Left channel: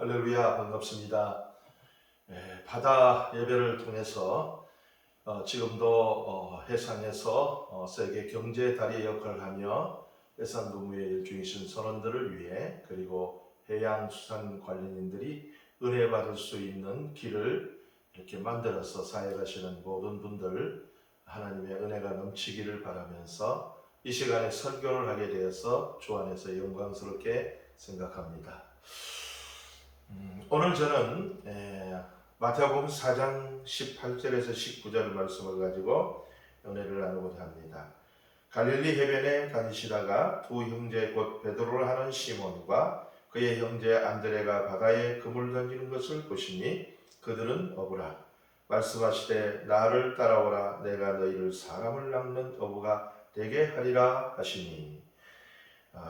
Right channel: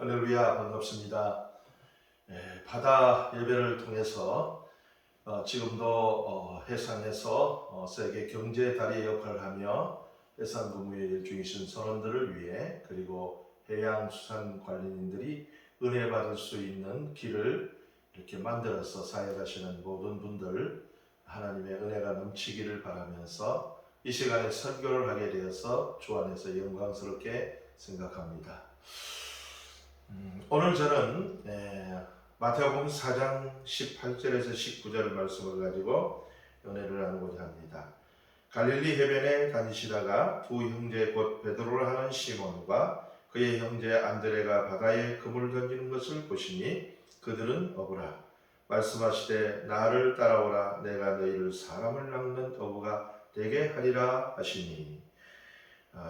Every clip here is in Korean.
할렐루야, 반갑습니다. 바다 예배를 통해서 지금도 해상에서 세계 경제 다리 역할을 하며 해상 근무에 일중이신 선원들을 위해, 그리고 해양수산 관련인들이 은혜 받을 수 있는 길을 이렇게 만들어서 사역하시는 모든 분들, 하나님의 은혜가 넘치기를 바라면서 이 시간에 설교를 하게 되어서 주 안에서 영광스럽게 생각합니다. 오늘 저는 마태복음 4장 18절에서 19절 말씀을 가지고 은혜를 나누고자 합니다. 갈릴리 해변에 다니시다가 두 형제 곧 베드로를 하는 시몬과 그의 형제 안드레가 바다에 그물을 던지는 것을 보시니 그들은 어부라. 말씀하시되 나를 따라오라. 내가 너희를 사람을 낚는 어부가 되게 하리라 하시니.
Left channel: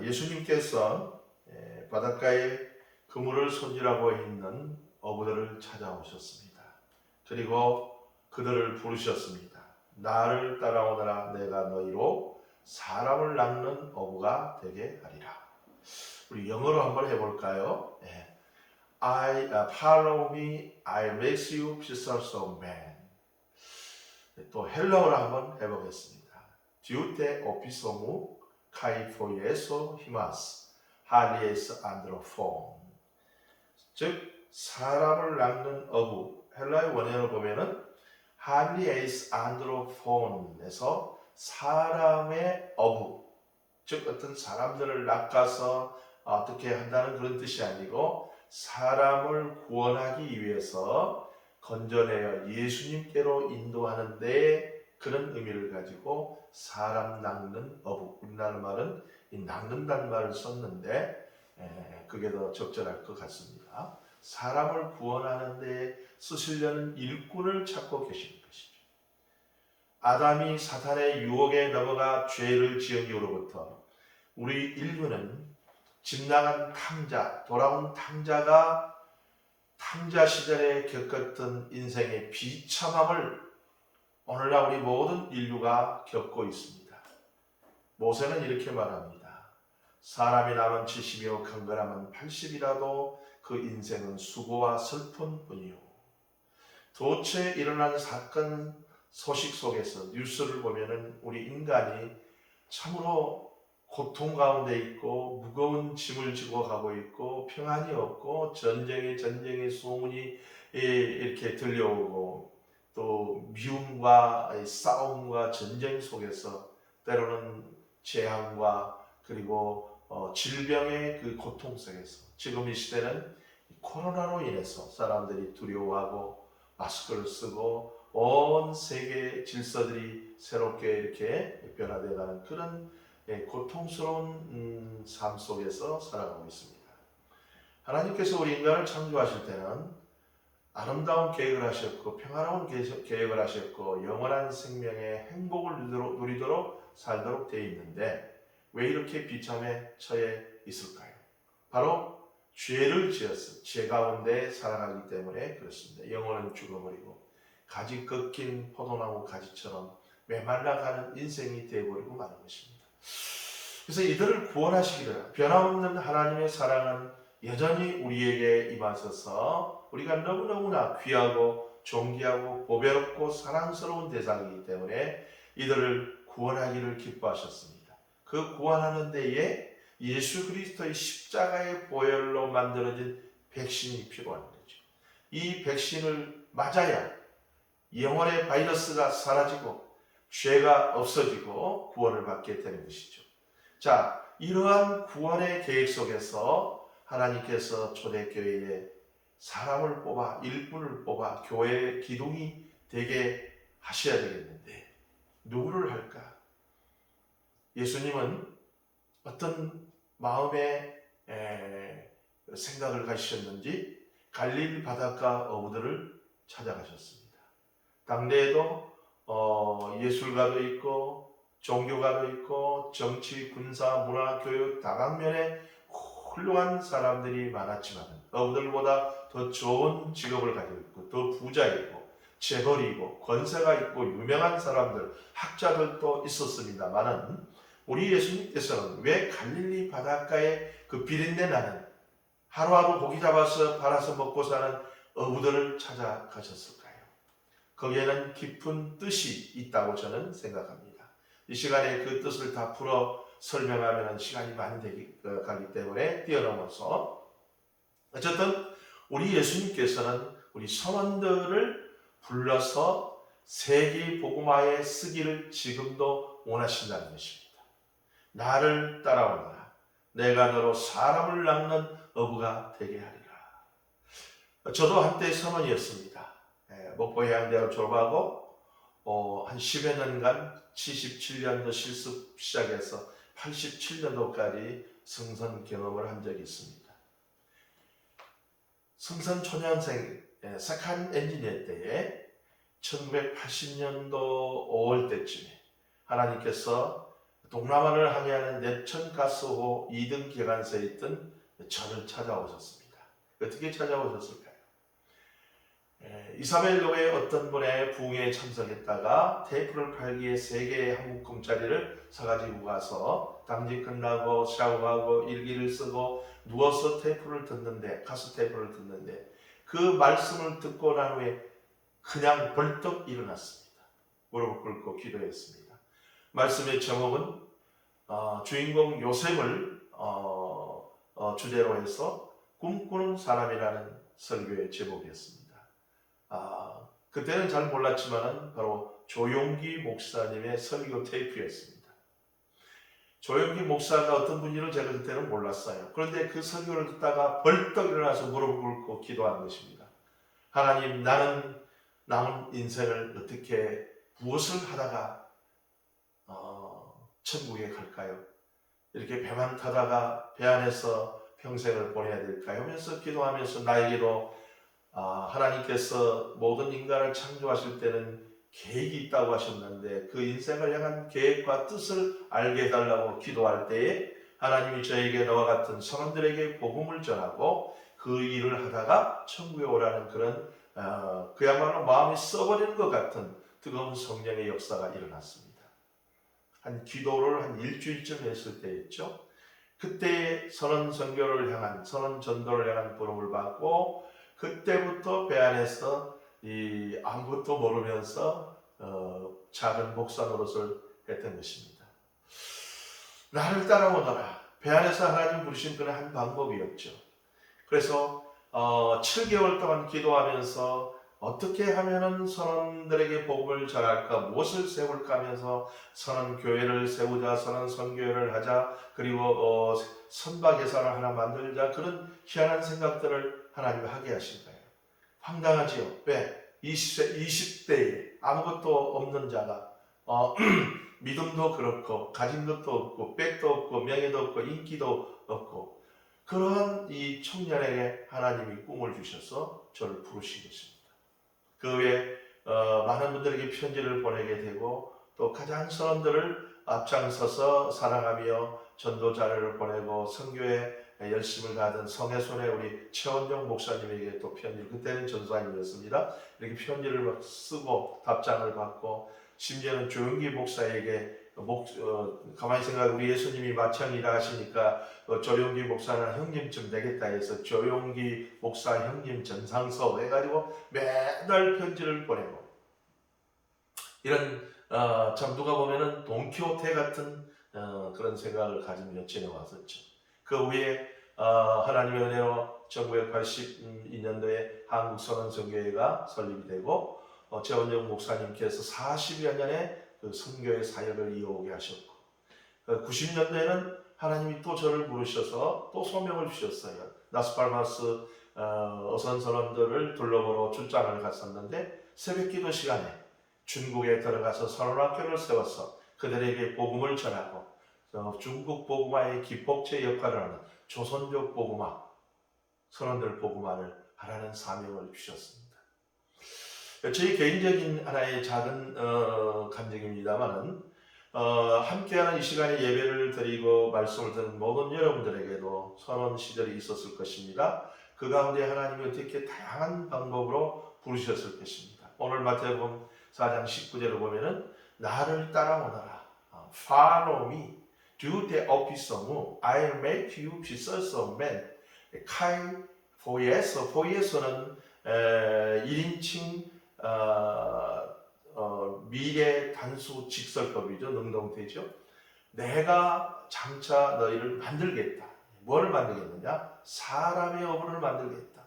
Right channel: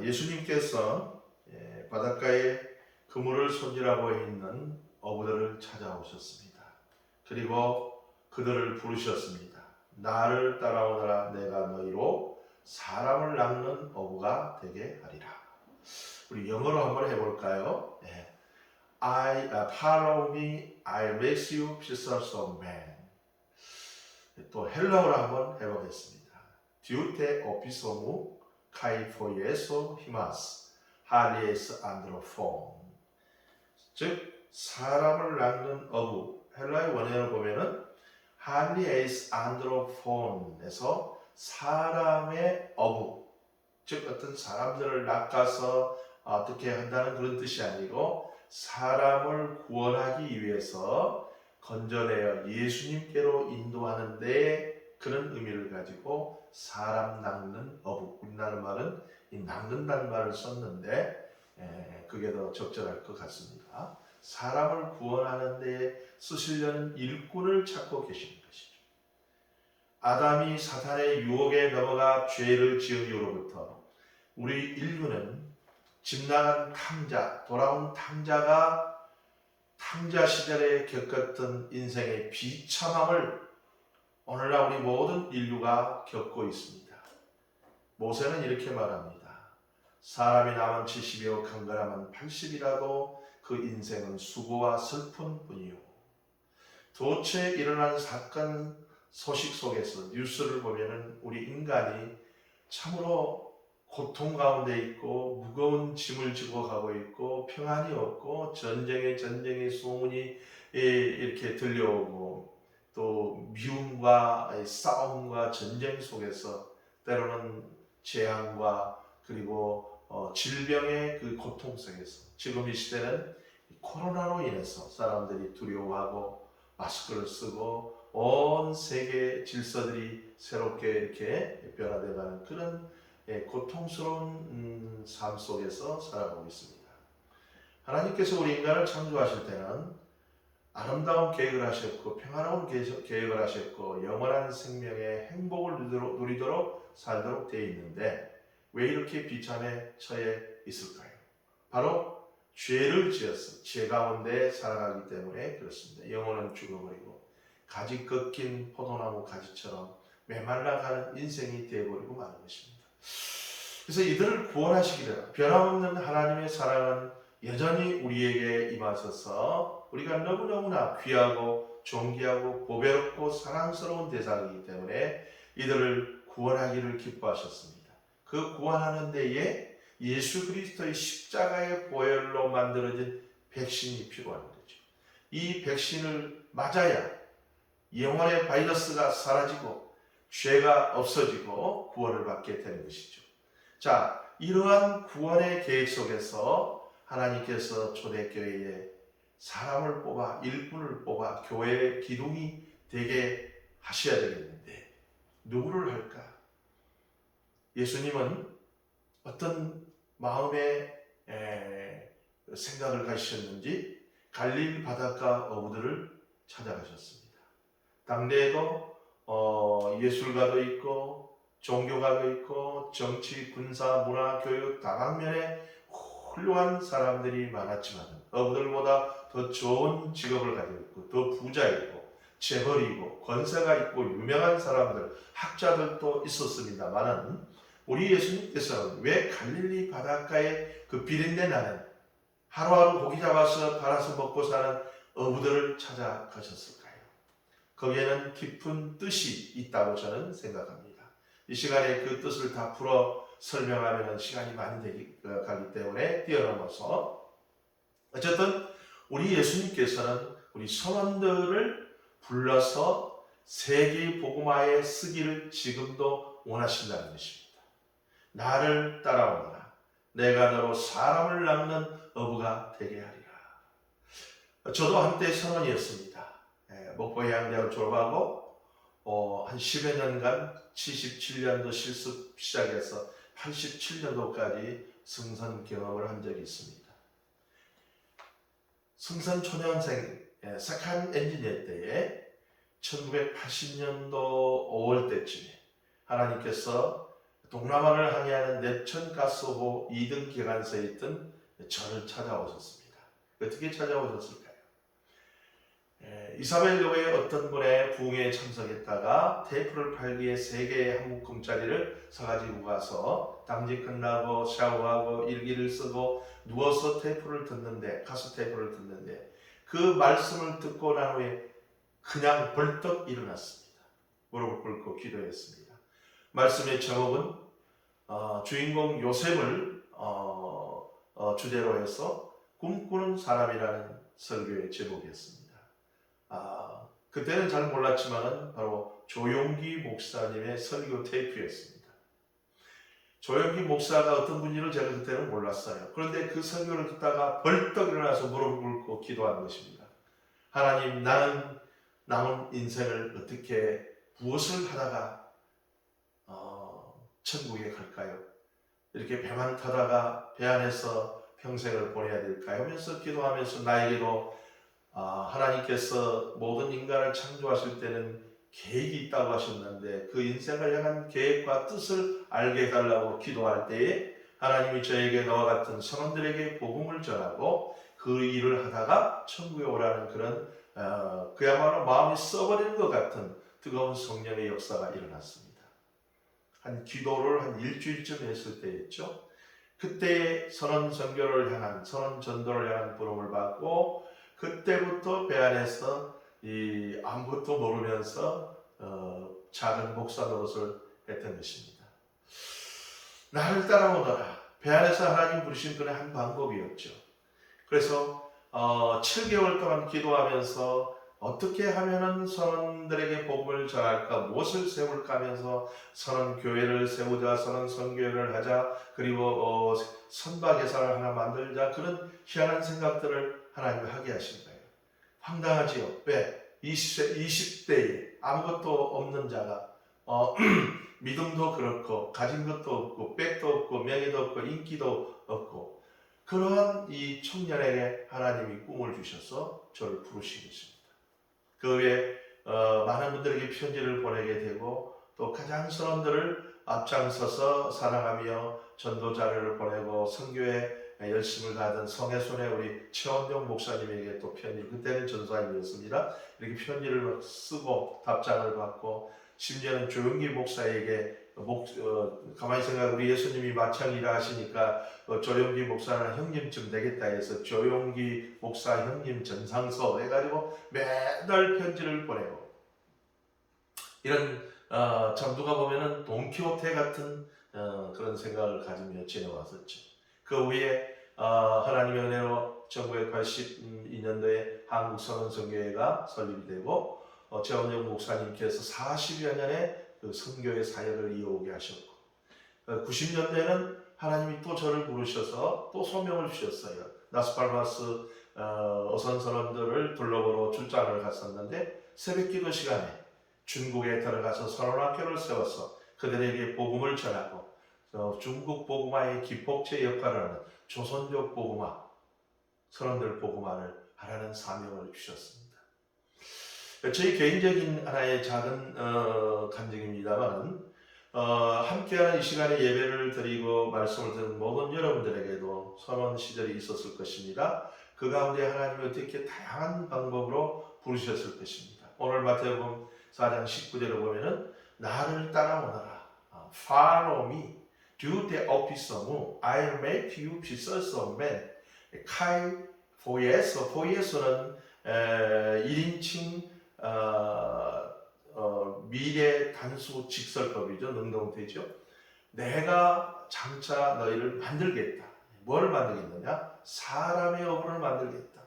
예수님께서 바닷가에 그물을 손질하고 있는 어부들을 찾아오셨습니다. 그리고 그들을 부르셨습니다. 나를 따라오너라. 내가 너희로 사람을 낚는 어부가 되게 하리라. 우리 영어로 한번 해볼까요? Follow me, I'll make you fishers of men. 또 헬라어로 한번 해보겠습니다. Diute opisomu kai foieso himas, halies androphon. 즉 사람을 낚는 어부, 헬라의 원어로 보면은 할리에이스 안드로폰에서 사람의 어부, 즉 어떤 사람들을 낚아서 어떻게 한다는 그런 뜻이 아니고 사람을 구원하기 위해서 건져내어 예수님께로 인도하는 데 그런 의미를 가지고 사람 낚는 어부, 우리나라 말은 이 낚는다는 말을 썼는데 그게 더 적절할 것 같습니다. 사람을 구원하는 데 쓰시려는 일꾼을 찾고 계시는 것이죠. 아담이 사탄의 유혹에 넘어가 죄를 지은 이후로부터 우리 인류는 집 나간 탕자, 돌아온 탕자가 탕자 시절에 겪었던 인생의 비참함을 오늘날 우리 모든 인류가 겪고 있습니다. 모세는 이렇게 말합니다. 사람이 남은 70이요 강건하면 80이라도 그 인생은 수고와 슬픔 뿐이요. 도처에 일어난 사건 소식 속에서 뉴스를 보면은 우리 인간이 참으로 고통 가운데 있고 무거운 짐을 지고 가고 있고 평안이 없고 전쟁의 소문이 이렇게 들려오고 또 미움과 싸움과 전쟁 속에서 때로는 재앙과 그리고 질병의 그 고통 속에서 지금 이 시대는 코로나로 인해서 사람들이 두려워하고 마스크를 쓰고 온 세계 질서들이 새롭게 이렇게 변화되어가는 그런 고통스러운 삶 속에서 살아가고 있습니다. 하나님께서 우리 인간을 창조하실 때는 아름다운 계획을 하셨고 평화로운 계획을 하셨고 영원한 생명의 행복을 누리도록 살도록 되어 있는데 왜 이렇게 비참에 처해 있을까요? 바로 죄를 지어서 죄 가운데 살아가기 때문에 그렇습니다. 영혼은 죽어버리고 가지 꺾인 포도나무 가지처럼 메말라가는 인생이 되어버리고 마는 것입니다. 그래서 이들을 구원하시기를 변함없는 하나님의 사랑은 여전히 우리에게 임하셔서 우리가 너무너무나 귀하고 존귀하고 보배롭고 사랑스러운 대상이기 때문에 이들을 구원하기를 기뻐하셨습니다. 그 구원하는 데에 예수 그리스도의 십자가의 보혈로 만들어진 백신이 필요한 거죠. 이 백신을 맞아야 영혼의 바이러스가 사라지고 죄가 없어지고 구원을 받게 되는 것이죠. 자, 이러한 구원의 계획 속에서 하나님께서 초대교회에 사람을 뽑아 일꾼을 뽑아 교회의 기둥이 되게 하셔야 되겠는데 누구를 할까? 예수님은 어떤 마음의 생각을 가지셨는지 갈릴리 바닷가 어부들을 찾아가셨습니다. 당대에도 예술가도 있고 종교가도 있고 정치, 군사, 문화, 교육 다방면에 훌륭한 사람들이 많았지만 어부들보다 더 좋은 직업을 가지고 있고 더 부자이고 재벌이고 권세가 있고 유명한 사람들, 학자들도 있었습니다만은 우리 예수님께서는 왜 갈릴리 바닷가에 그 비린내 나는 하루하루 고기 잡아서 팔아서 먹고 사는 어부들을 찾아가셨을까요? 거기에는 깊은 뜻이 있다고 저는 생각합니다. 이 시간에 그 뜻을 다 풀어 설명하면 시간이 많이 가기 때문에 뛰어넘어서 어쨌든 우리 예수님께서는 우리 선원들을 불러서 세계 복음화에 쓰기를 지금도 원하신다는 것입니다. 나를 따라오너라. 내가 너로 사람을 낚는 어부가 되게 하리라. 저도 한때 선원이었습니다. 목포해양대를 졸업하고 한 10여 년간 77년도 실습 시작해서 87년도까지 승선 경험을 한 적이 있습니다. 승선 초년생 세컨 엔지니어 때에 1980년도 5월 때쯤에 하나님께서 동남아를 항해하는 내천가스호 2등 기관소에 있던 저를 찾아오셨습니다. 어떻게 찾아오셨을까요? 이사벨교회 어떤 분의 부흥회에 참석했다가 테이프를 팔기에 3개의 한묶음짜리를 사가지고 가서 당직 끝나고 샤워하고 일기를 쓰고 누워서 테이프를 듣는데, 가스 테이프를 듣는데 그 말씀을 듣고 난 후에 그냥 벌떡 일어났습니다. 무릎을 꿇고 기도했습니다. 말씀의 제목은 주인공 요셉을 주제로 해서 꿈꾸는 사람이라는 설교의 제목이었습니다. 그때는 잘 몰랐지만 바로 조용기 목사님의 설교 테이프였습니다. 조용기 목사가 어떤 분인지를 제가 그때는 몰랐어요. 그런데 그 설교를 듣다가 벌떡 일어나서 무릎을 꿇고 기도한 것입니다. 하나님, 나는 남은 인생을 어떻게 무엇을 하다가 천국에 갈까요? 이렇게 배만 타다가 배 안에서 평생을 보내야 될까요? 하면서 기도하면서 나에게도 하나님께서 모든 인간을 창조하실 때는 계획이 있다고 하셨는데 그 인생을 향한 계획과 뜻을 알게 해달라고 기도할 때에 하나님이 저에게 너와 같은 선원들에게 복음을 전하고 그 일을 하다가 천국에 오라는 그런 그야말로 마음이 썩어버리는 것 같은 뜨거운 성령의 역사가 일어났습니다. 한 기도를 한 일주일쯤 했을 때였죠. 그때 선언 선교를 향한, 선언 전도를 향한 부름을 받고 그때부터 배 안에서 아무것도 모르면서 작은 목사 노릇을 했던 것입니다. 나를 따라오너라. 배 안에서 하나님 부르신 그의 한 방법이었죠. 그래서 7개월 동안 기도하면서 어떻게 하면은 선원들에게 복음을 전할까, 무엇을 세울까 하면서 선원 교회를 세우자, 선원 선교회를 하자, 그리고 선박 회사를 하나 만들자, 그런 희한한 생각들을 하나님이 하게 하신 거예요. 황당하지요. 왜? 20대에 아무것도 없는 자가 믿음도 그렇고 가진 것도 없고 백도 없고 명예도 없고 인기도 없고 그러한 이 청년에게 하나님이 꿈을 주셔서 저를 부르신 것입니다. 그 외에 많은 분들에게 편지를 보내게 되고 또 가장 선원들을 앞장서서 사랑하며 전도자를 보내고 선교에 열심을 다하던 성혜손의 우리 최원용 목사님에게 또 편지를, 그때는 전사님이었습니다. 이렇게 편지를 막 쓰고 답장을 받고 심지어는 조용기 목사에게 가만히 생각해 우리 예수님이 마창이라 하시니까 조용기 목사는 형님쯤 되겠다 해서 조용기 목사 형님 전상서 해가지고 매달 편지를 보내고 이런 참 누가 보면은 돈키호테 같은 그런 생각을 가지며 지내왔었죠. 그 후에 하나님의 은혜로 1982년도에 한국선언선교회가 설립이 되고 최원정 목사님께서 40여 년의 그 선교의 사역을 이어오게 하셨고 90년대에는 하나님이 또 저를 부르셔서 또 소명을 주셨어요. 나스팔마스 어선선원들을 둘러보러 출장을 갔었는데 새벽기도 시간에 중국에 들어가서 선언학교를 세워서 그들에게 복음을 전하고 중국 복음화의 기폭제 역할을 하는 조선족 복음화, 선원들 복음화를 하라는 사명을 주셨습니다. 저희 개인적인 하나의 작은 감정입니다만은 함께하는 이 시간에 예배를 드리고 말씀을 듣는 모든 여러분들에게도 선원 시절이 있었을 것입니다. 그 가운데 하나님이 어떻게 다양한 방법으로 부르셨을 것입니다. 오늘 마태복음 4장 19절을 보면은 나를 따라오너라. Follow me. Do the office of me. I'll make you pieces of men. 카이 포이에서는 1인칭 미래 단수 직설법이죠. 능동태죠. 내가 장차 너희를 만들겠다. 뭐를 만들겠느냐? 사람의 어부를 만들겠다.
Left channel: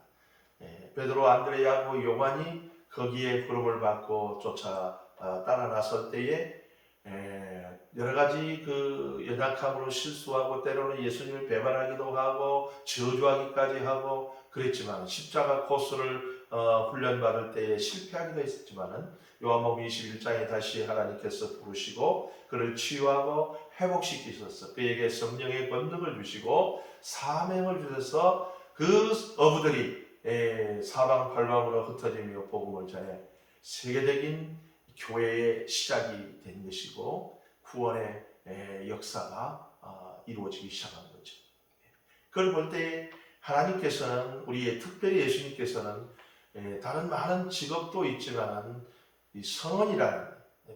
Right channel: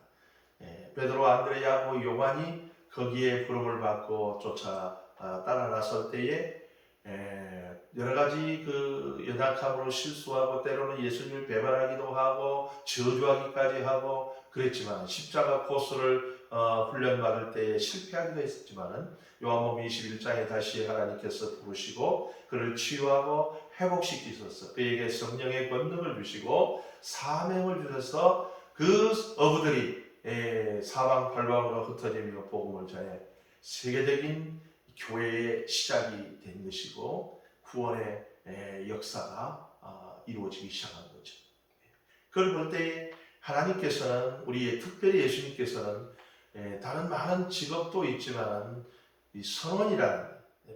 베드로, 안드레, 야고보, 요한이 거기에 부름을 받고 쫓아 따라 나설 때에 여러 가지 그 연약함으로 실수하고 때로는 예수님을 배반하기도 하고 저주하기까지 하고 그랬지만 십자가 코스를 훈련받을 때에 실패하기도 했지만은 요한복음 21장에 다시 하나님께서 부르시고 그를 치유하고 회복시키셔서 그에게 성령의 권능을 주시고 사명을 주셔서 그 어부들이 사방팔방으로 흩어지며 복음을 전해 세계적인 교회의 시작이 된 것이고 구원의 역사가 이루어지기 시작한 거죠. 그걸 볼 때 하나님께서는 우리의 특별히 예수님께서는 다른 많은 직업도 있지만 이 선원이라는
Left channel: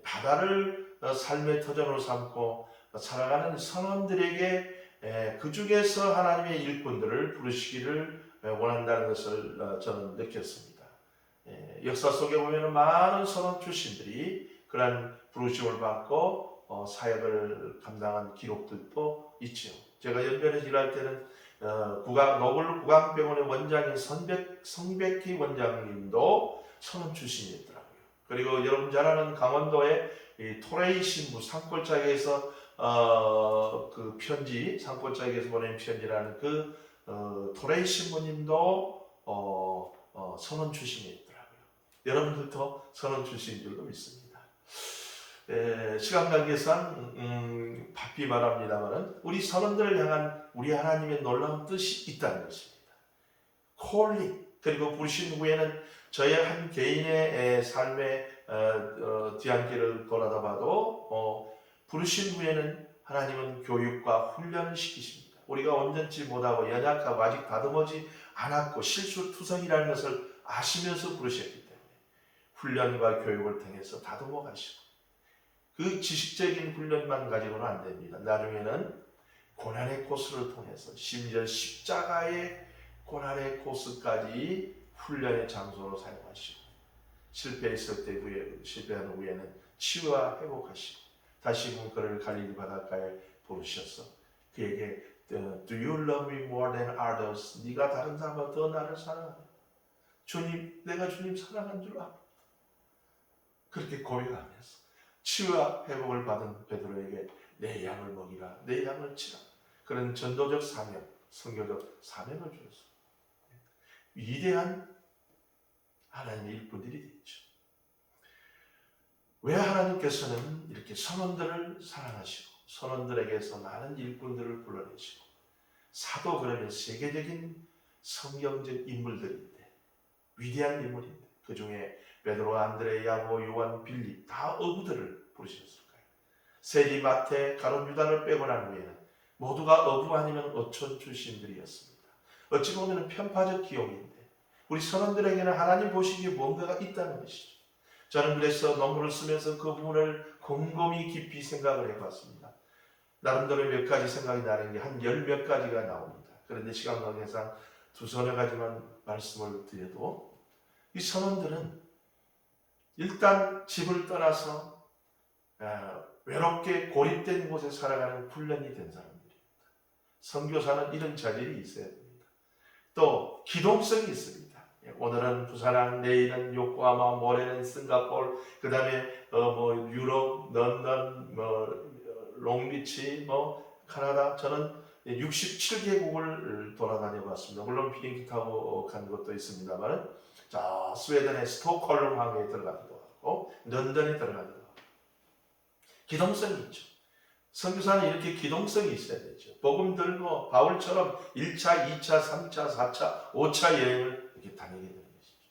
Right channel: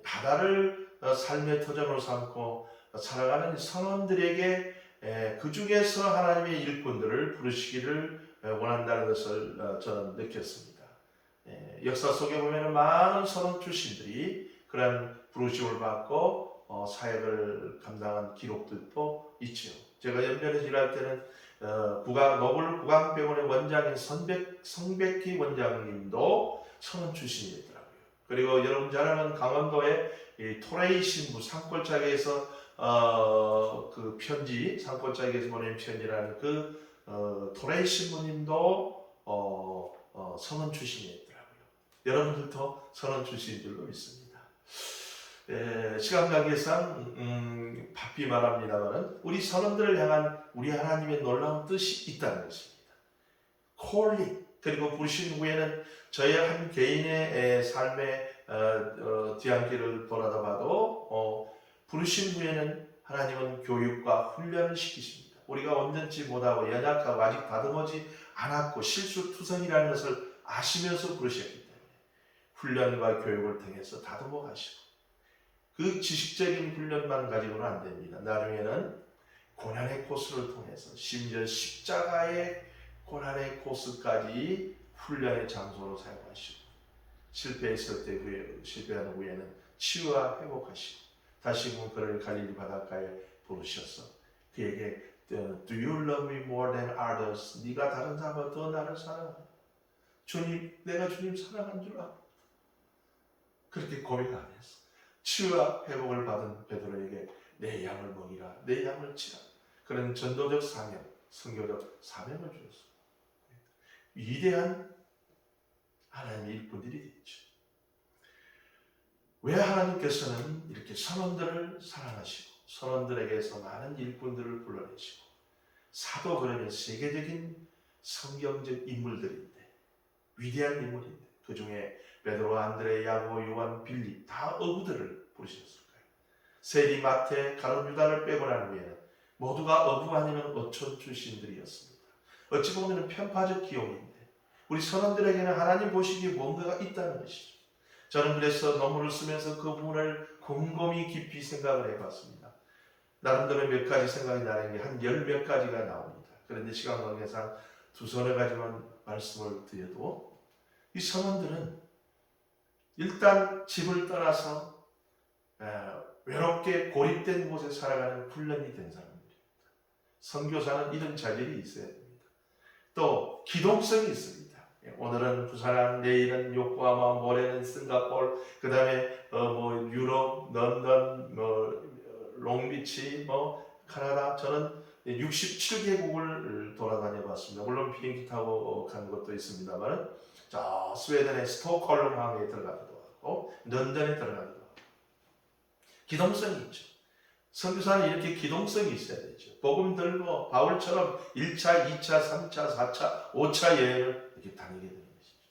바다를 삶의 터전으로 삼고 살아가는 선원들에게 그 중에서 하나님의 일꾼들을 부르시기를 원한다는 것을 저는 느꼈습니다. 역사 속에 보면 많은 선원 출신들이 그러한 부르심을 받고 사역을 감당한 기록들도 있죠. 제가 연변에서 일할 때는 노블 구강병원의 원장인 성백희 원장님도 선원 출신이었더라고요. 그리고 여러분 잘 아는 강원도의 토레이 신부 산골짜기에서 그 편지 산골짜기에서 보낸 편지라는 그 토레이 신부님도 선원 출신이었더라고요. 여러분들도 선원 출신인 줄로 믿습니다. 시간 관계상 바삐 말합니다만 우리 선원들을 향한 우리 하나님의 놀라운 뜻이 있다는 것입니다. 콜링 그리고 부르신 후에는 저희 한 개인의 삶의 뒤안길을 돌아다 봐도 부르신 후에는 하나님은 교육과 훈련을 시키십니다. 우리가 온전치 못하고 연약하고 아직 다듬어지 않았고 실수투성이라는 것을 아시면서 부르셨기 때문에 훈련과 교육을 통해서 다듬어 가시고 그 지식적인 훈련만 가지고는 안 됩니다. 나중에는 고난의 코스를 통해서 심지어 십자가의 고난의 코스까지 훈련의 장소로 사용하시고 실패했을 때 실패한 후에는 치유와 회복하시고 다시금 그를 갈릴리 바닷가에 부르셔서 그에게 Do you love me more than others? 네가 다른 사람보다 더 나를 사랑하냐? 주님, 내가 주님 사랑한 줄 알아. 그렇게 고백하면서 치유와 회복을 받은 베드로에게 내 양을 먹이라, 내 양을 치라. 그런 전도적 사명, 선교적 사명을 주었습니다. 위대한 하나님의 일꾼들이 됐죠. 왜 하나님께서는 이렇게 선원들을 사랑하시고 선원들에게서 많은 일꾼들을 불러내시고 사도 그러면 세계적인 성경적 인물들인데 위대한 인물인데 그 중에 베드로, 안드레, 야고보, 요한, 빌립 다 어부들을 부르셨을까요? 세리, 마태, 가룟, 유다를 빼고 난 후에는 모두가 어부 아니면 어촌 출신들이었습니다. 어찌 보면 편파적 기용인데 우리 선원들에게는 하나님 보시기에 뭔가가 있다는 것이죠. 저는 그래서 논문을 쓰면서 그 부분을 곰곰이 깊이 생각을 해봤습니다. 나름대로 몇 가지 생각이 나는 게 한 10몇 가지가 나옵니다. 그런데 시간 관계상 두서너 가지만 말씀을 드려도 이 선원들은 일단 집을 떠나서 외롭게 고립된 곳에 살아가는 훈련이 된 사람들입니다. 선교사는 이런 자질이 있어야 됩니다. 또 기동성이 있습니다. 오늘은 부산항, 내일은 요코하마, 모레는 싱가포르, 그 다음에 유럽, 런던, 롱비치, 캐나다. 저는 67개국을 돌아다녀 봤습니다. 물론 비행기 타고 간 것도 있습니다만, 저 스웨덴의 스톡홀름 항에 들어가기도 하고, 런던에 들어가기도 하고. 기동성이 있죠. 선교사는 이렇게 기동성이 있어야 되죠. 복음 들고 바울처럼 1차, 2차, 3차, 4차, 5차 여행을 이렇게 다니게 되는 것이죠.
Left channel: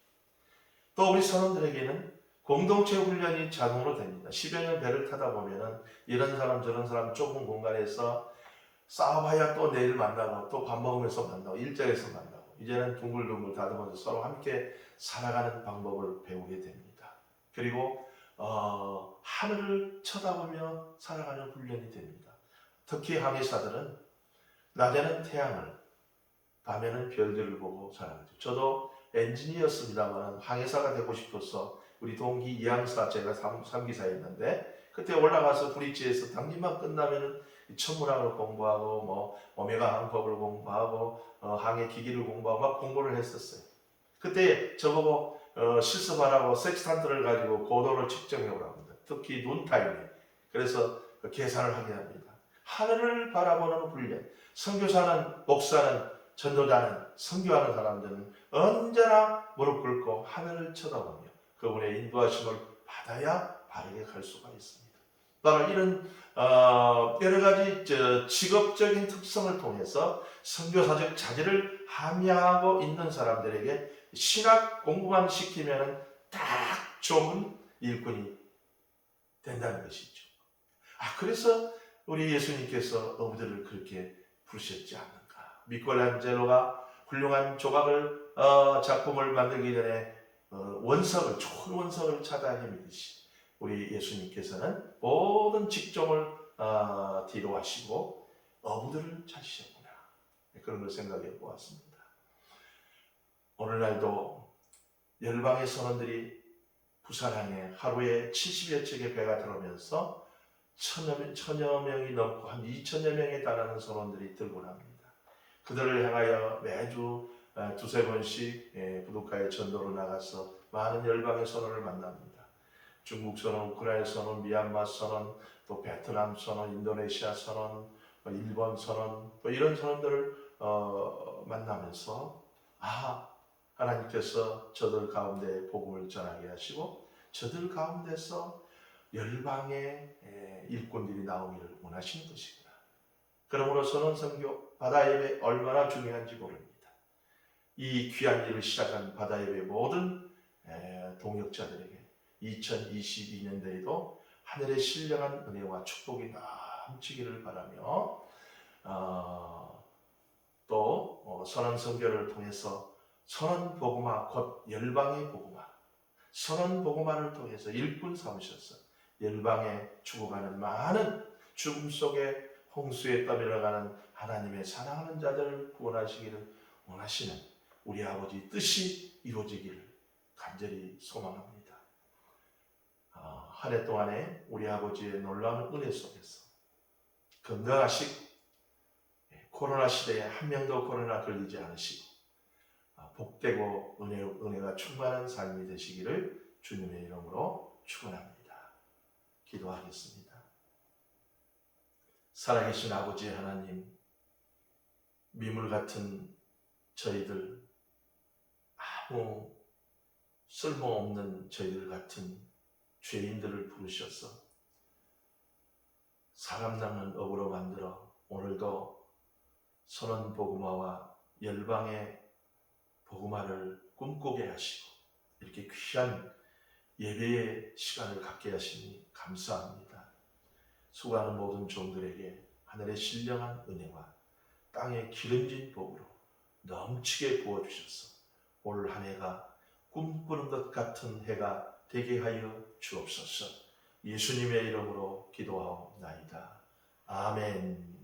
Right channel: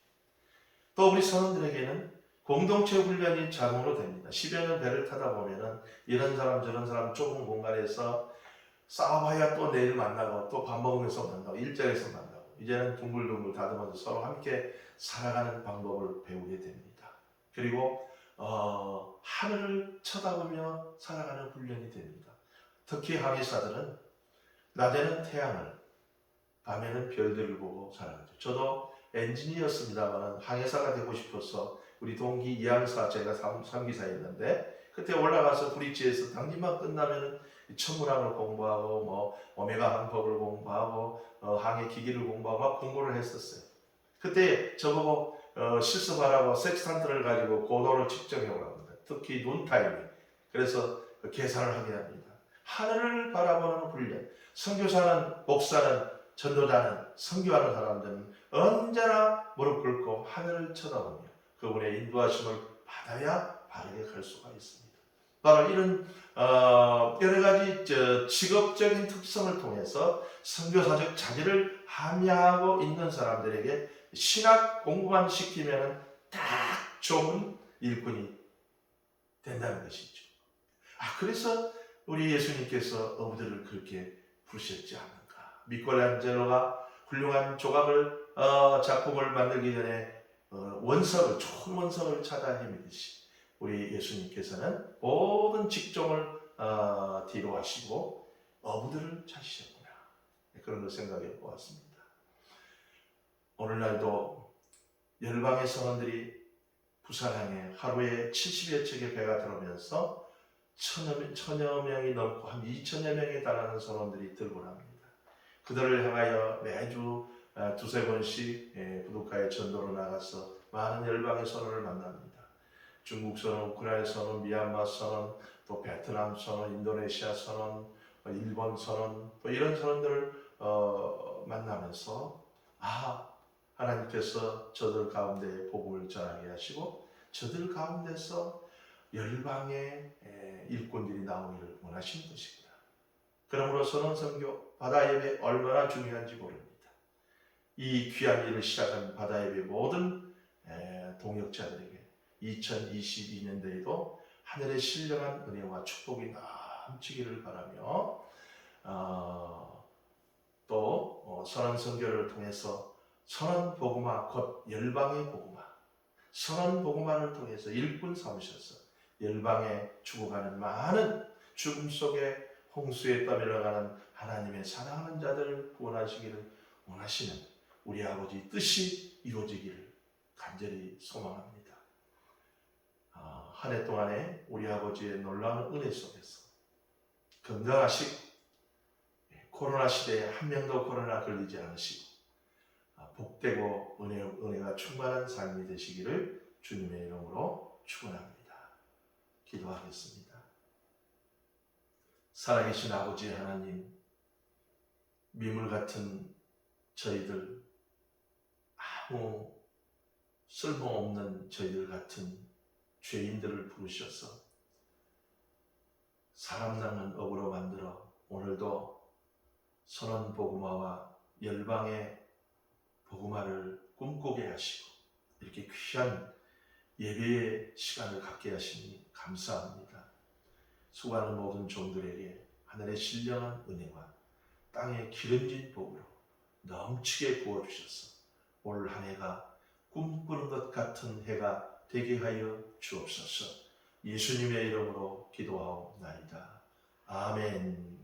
또 우리 선원들에게는 공동체 훈련이 자동으로 됩니다. 10여 년 배를 타다 보면은 이런 사람 저런 사람 좁은 공간에서 싸워봐야 또 내일 만나고 또 밥 먹으면서 만나고 일자리에서 만나고 이제는 둥글둥글 다듬어서 서로 함께 살아가는 방법을 배우게 됩니다. 그리고 하늘을 쳐다보며 살아가는 훈련이 됩니다. 특히 항해사들은 낮에는 태양을, 밤에는 별들을 보고 살아가죠. 저도 엔지니어였습니다만 항해사가 되고 싶어서 우리 동기 이항사 제가 3기사였는데 그때 올라가서 브릿지에서 당직만 끝나면은 천문학을 공부하고 뭐 오메가 항법을 공부하고 항해 기기를 공부하고 막 공부를 했었어요. 그때 저보고 실습하라고 섹스탄트를 가지고 고도를 측정해 오라고 합니다. 특히 눈 타이밍. 그래서 계산을 하게 합니다. 하늘을 바라보는 훈련. 선교사는, 목사는, 전도자는, 선교하는 사람들은 언제나 무릎 꿇고 하늘을 쳐다보며 그분의 인도하심을 받아야 바르게 갈 수가 있습니다. 바로 이런 여러 가지 직업적인 특성을 통해서 선교사적 자질을 함양하고 있는 사람들에게 신학 공부만 시키면 딱 좋은 일꾼이 된다는 것이죠. 그래서 우리 예수님께서 어부들을 그렇게 부르셨지 않는가. 미켈란젤로가 훌륭한 조각을 작품을 만들기 전에 원석을, 좋은 원석을 찾아 헤매듯이 우리 예수님께서는 모든 직종을 뒤로 하시고 어부들을 찾으셨구나. 그런 걸 생각해 보았습니다. 오늘날도 열방의 성원들이 부산항에 하루에 70여 척의 배가 들어오면서 천여 명이 넘고 한 2천여 명에 달하는 선원들이 들고 납니다. 그들을 향하여 매주 두세 번씩 부둣가에 전도로 나가서 많은 열방의 선원을 만납니다. 중국 선원, 우크라이나 선원, 미얀마 선원, 또 베트남 선원, 인도네시아 선원, 일본 선원, 또 이런 선원들을 만나면서 하나님께서 저들 가운데 복음을 전하게 하시고 저들 가운데서 열방의 일꾼들이 나오기를 원하시는 것입니다. 그러므로 선언 선교, 바다 예배 얼마나 중요한지 모릅니다. 이 귀한 일을 시작한 바다 예배 모든 동역자들에게 2022년도에도 하늘의 신령한 은혜와 축복이 넘치기를 바라며 또 선언 선교를 통해서 선언 복음화 곧 열방의 복음화, 선언 복음화를 통해서 일꾼 삼으셔서 열방에 죽어가는 많은 죽음 속에 홍수에 떠밀어가는 하나님의 사랑하는 자들을 구원하시기를 원하시는 우리 아버지 뜻이 이루어지기를 간절히 소망합니다. 한 해 동안에 우리 아버지의 놀라운 은혜 속에서 건강하시고 코로나 시대에 한 명도 코로나 걸리지 않으시고 복되고 은혜가 충만한 삶이 되시기를 주님의 이름으로 축원합니다. 기도하겠습니다. 살아계신 아버지 하나님, 미물 같은 저희들, 아무 쓸모없는 저희들 같은 죄인들을 부르셔서 사람 낚는 업으로 만들어 오늘도 선언 복음화와 열방의 복음화를 꿈꾸게 하시고 이렇게 귀한 예배의 시간을 갖게 하시니 감사합니다. 수고하는 모든 종들에게 하늘의 신령한 은혜와 땅의 기름진 복으로 넘치게 부어주셔서 올 한 해가 꿈꾸는 것 같은 해가 되게 하여 주옵소서. 예수님의 이름으로 기도하옵나이다. 아멘.